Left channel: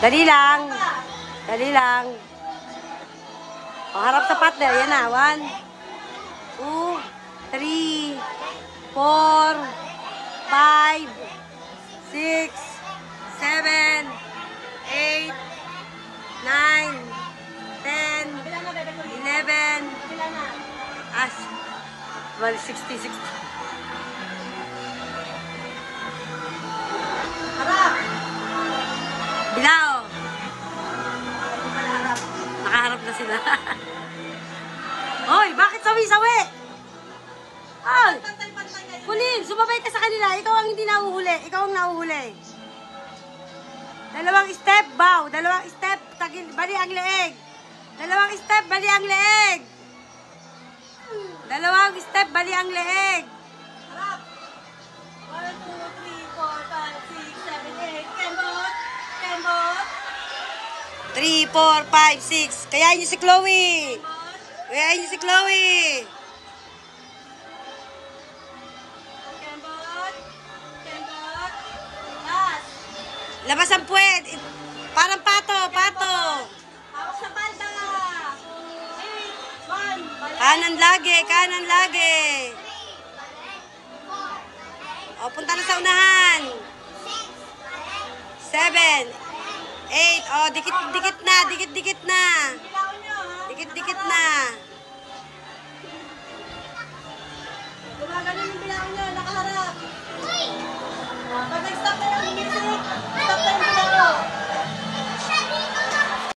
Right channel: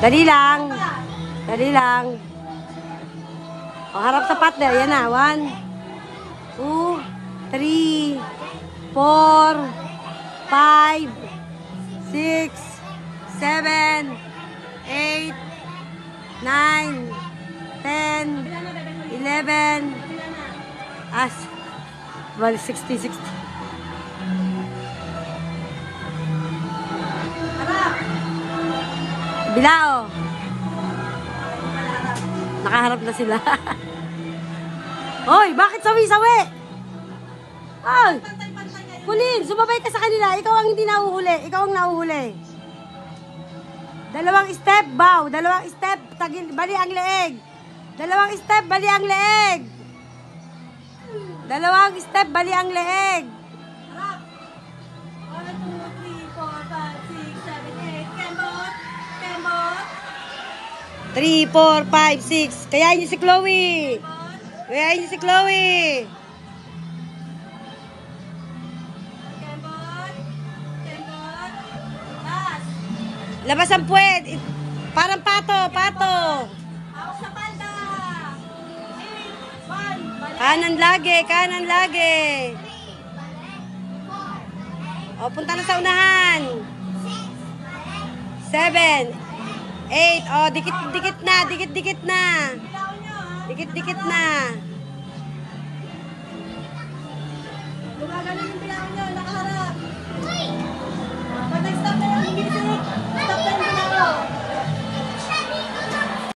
Dali lang. Dali lang. O, harap sa partner. Yan na. 1, 2, 3, 4, 5, 6, 7, 8, 9, 10, 11, 60, 60. Bilao. Nakaharap na sila. Hoy, bakit sawi-sawi? Hoy! Kulim, sumabay ka sa kanila. Ikaw ang hindi nahuhuli. Ikaw ang nahuhuli. Dalawang step, bow. Dalawang step, bali ang leeg. Dalawang step, bali ang leeg. Dalawang step, bali ang leeg. 3, 4, 5, 6. Kayain niyo si Chloe. Kayain niyo si Chloe. Labas ang puwet. Parang pato, pato. Kanan lagi, kanan lagi. O, punta na sa unahan. 7, 8. O, dikit-dikit na, dikit-dikit na. Dikit-dikit na. Gumagano yung bilangan niya, nakaharap. Pag nag-stop na yung music, stop na yung